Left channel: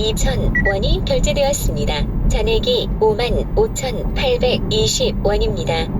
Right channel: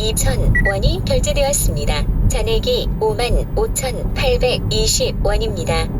2,000원이 결제되었습니다. 잔액이 55,820원입니다.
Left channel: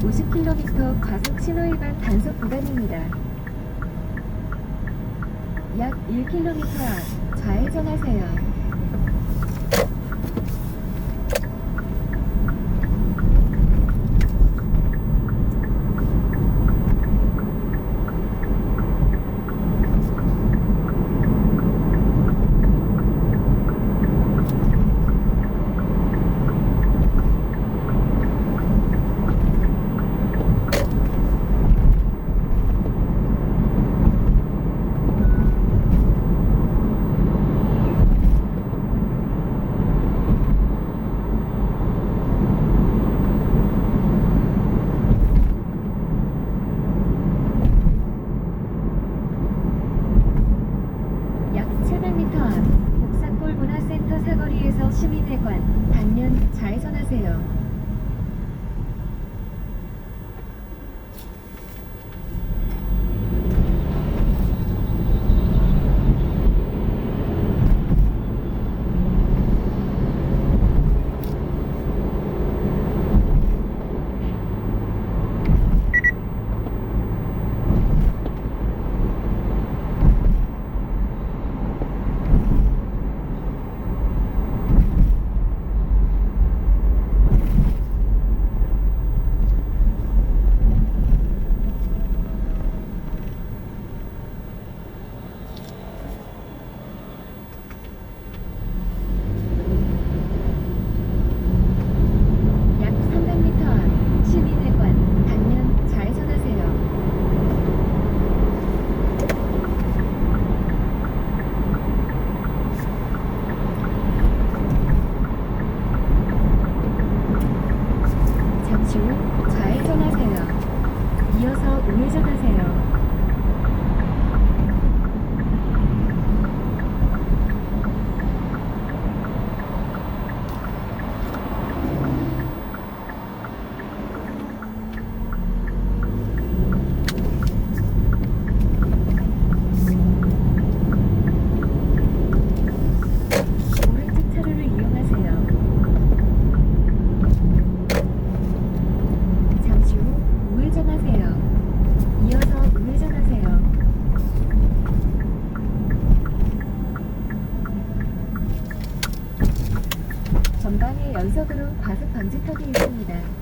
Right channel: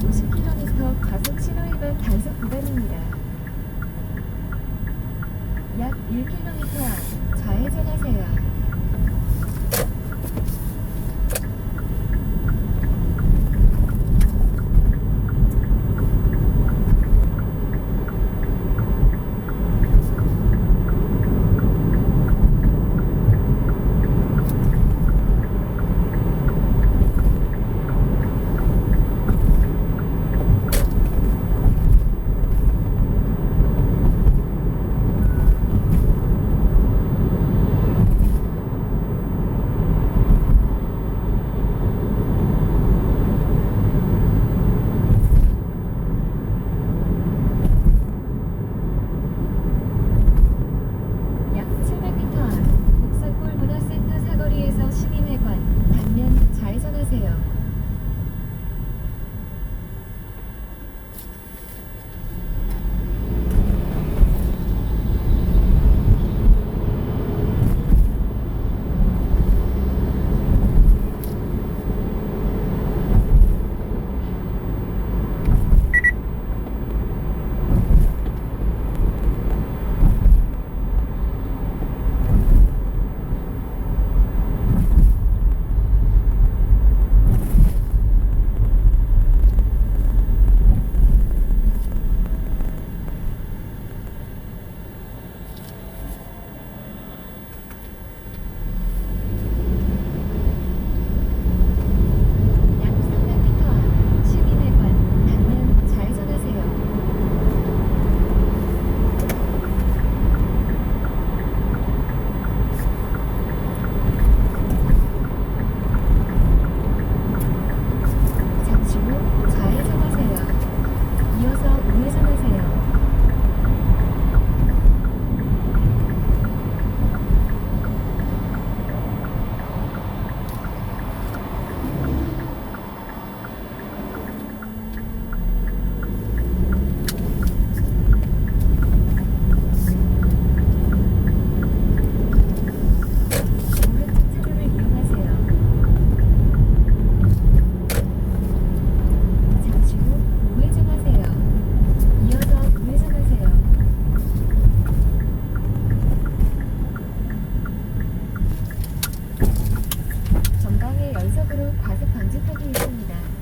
50km 과속 신호위반 단속 구간입니다. 약 1km 앞 좌회전하세요. 과속으로 과습 방지턱이 있습니다.